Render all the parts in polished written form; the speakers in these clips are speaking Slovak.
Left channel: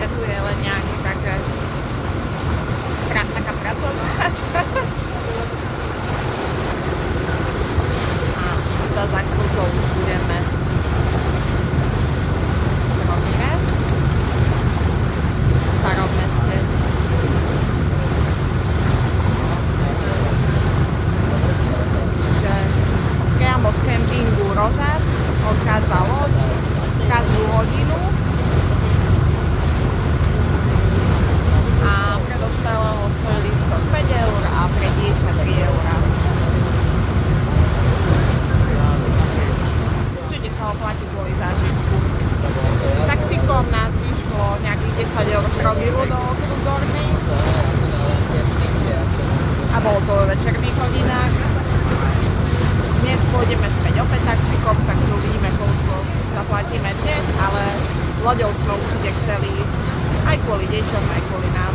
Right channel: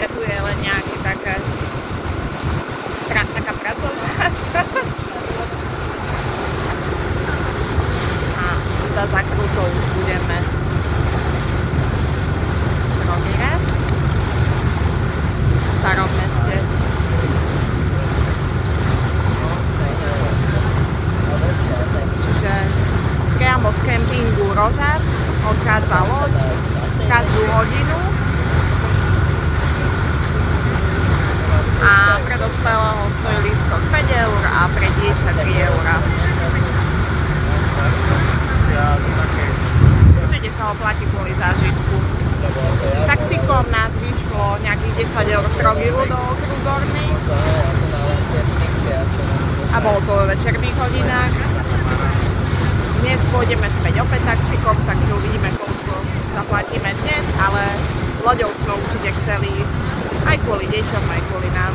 síce tu je len nejaké taká pracovná časť. A za zakrutou budeme v Trogire, v starom meste. Čiže priamo z kempingu Rožac odchádza loď každú hodinu a pre dospelého stojí lístok 5 eur a pre dieťa 3 eur. Určite sa oplatí kvôli zážitku. Taxíkom nás vyšlo nejakých 10 eur z Trogiru do okruhu Gornej a bolo to vo večerných hodinách. Dnes pôjdeme späť opäť taxíkom, takže uvidíme, koľko zaplatíme dnes, ale loďou sme určite chceli ísť aj kvôli deťom, aj kvôli nám.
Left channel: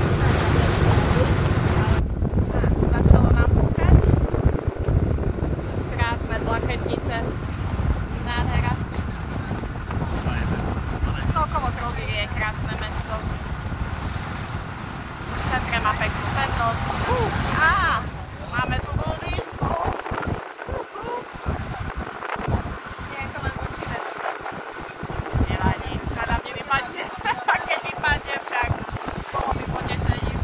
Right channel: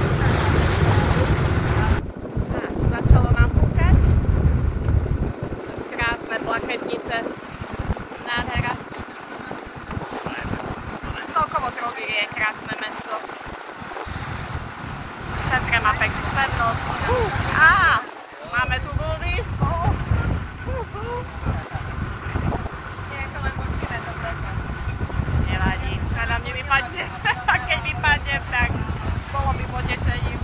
Začalo nám fúkať. Krásne plachetnice. Nádhera. Celkovo Trogir je krásne mesto. V centre má peknú pevnosť. Máme tu vlny. Nevadí, sa nám nevypadne. A keď vypadnem, tak bolo by potešením.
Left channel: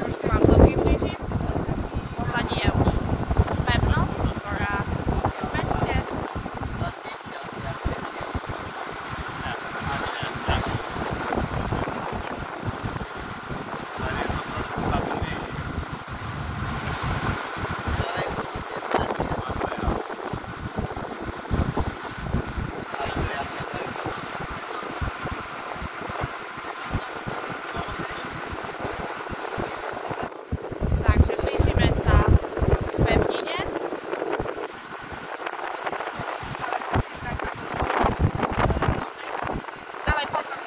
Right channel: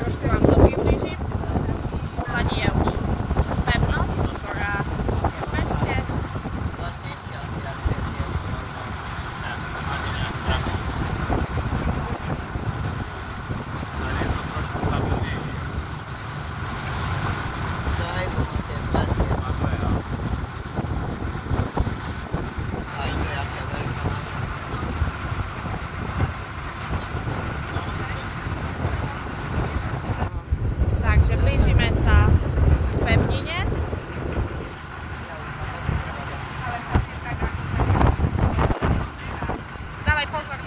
Trošku vám to priblížim. Pozadí je už pevnosť, ktorá je v meste. Takže blížime sa k pevnine. Dávaj pozor.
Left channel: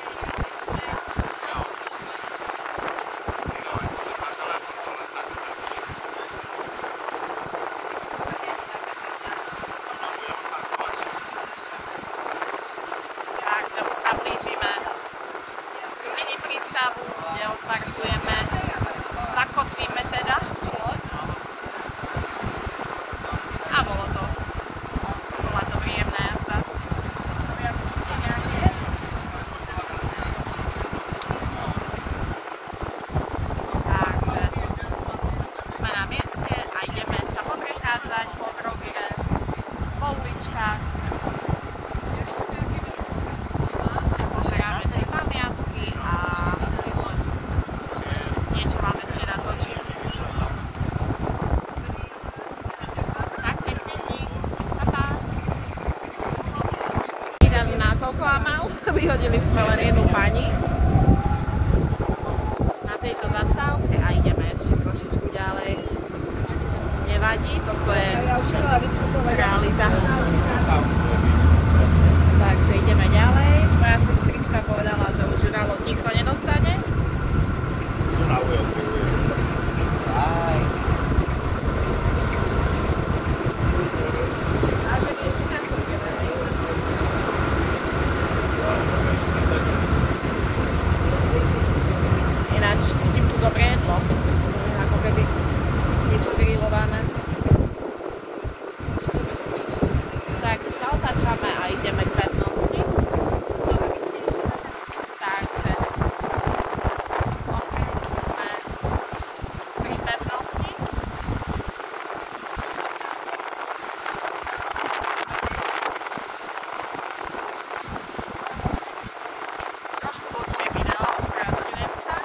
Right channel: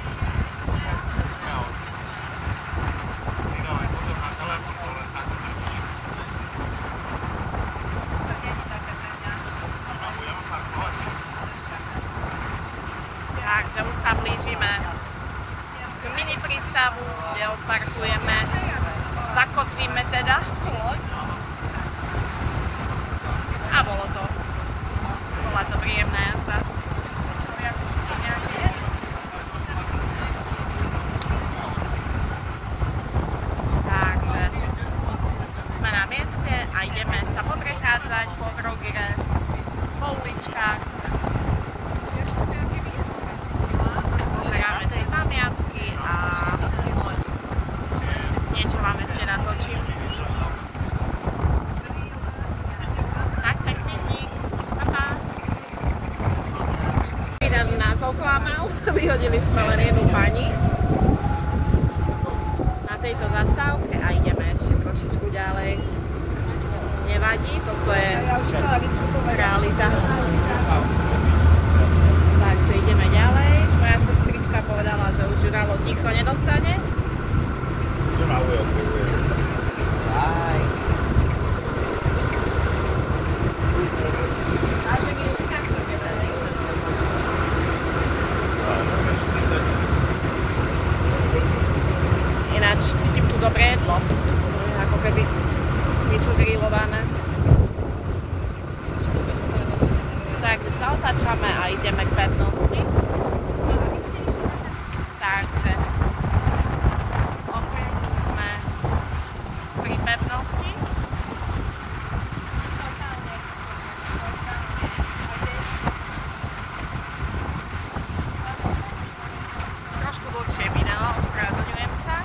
Takže už sa blížime k mini prístavu, kde odparkujeme. Zakotvíme teda loď a bola to príjemná jazda. Takže sme na mieste a ideme sa poprechádzať po Trogire, po uličkách. Pozeráme si pamiatky a niečo vám ešte natočím. Tak, pekný dík. Pa. Jeden nás oklamal, vyhodili sme len jednu pani na tejto zastávke a ideme ešte trošičku ďalej. Nevadí, toto je realita. Takže ideme ďalej. Moja sestrička povedala, že už ju na loď nikto nedostane. Ináč cítim tu dobré jedlo. Ako keby niečo grillované. Takže sa otáčame a ideme k pevnosti. Takže sme pri pevnosti. Trošku dlhšie video, ospravedlňujem sa.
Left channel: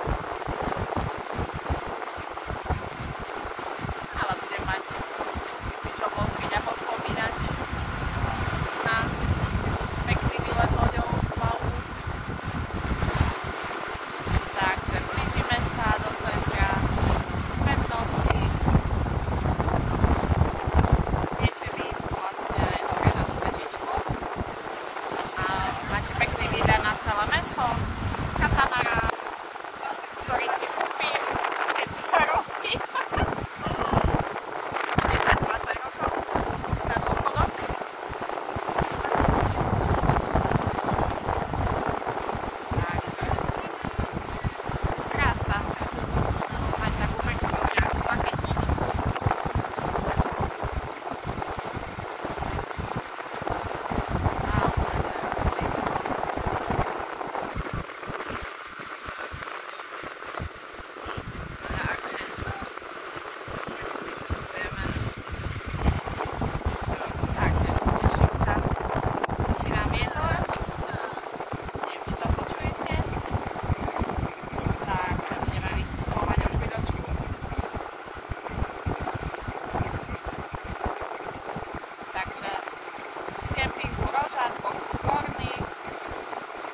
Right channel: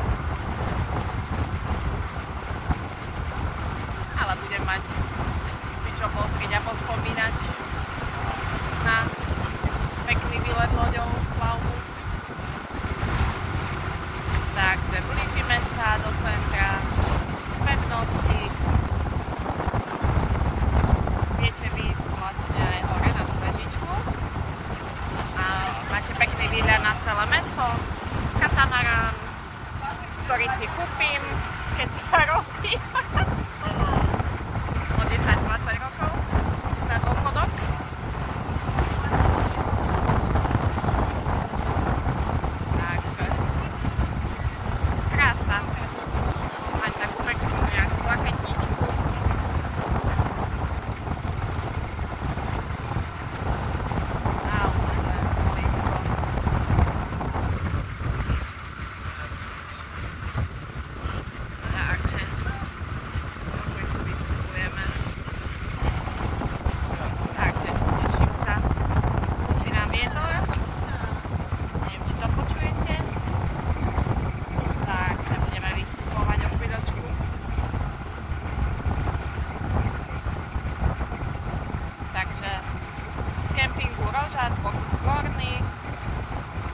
Rožac, okruh Gorný,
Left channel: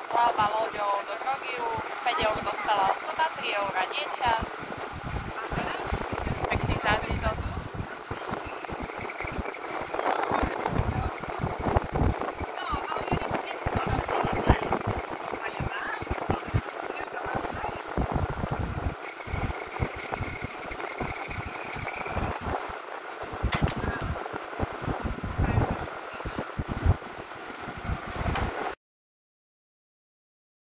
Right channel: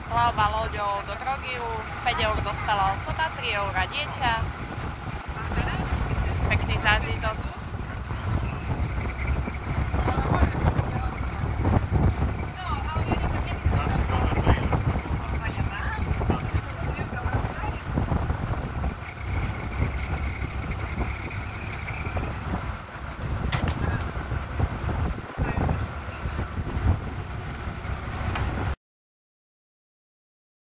plavba loďou do Drogiu, 5 eur dospelá osoba, 3 € dieťa. Pekný zážitok.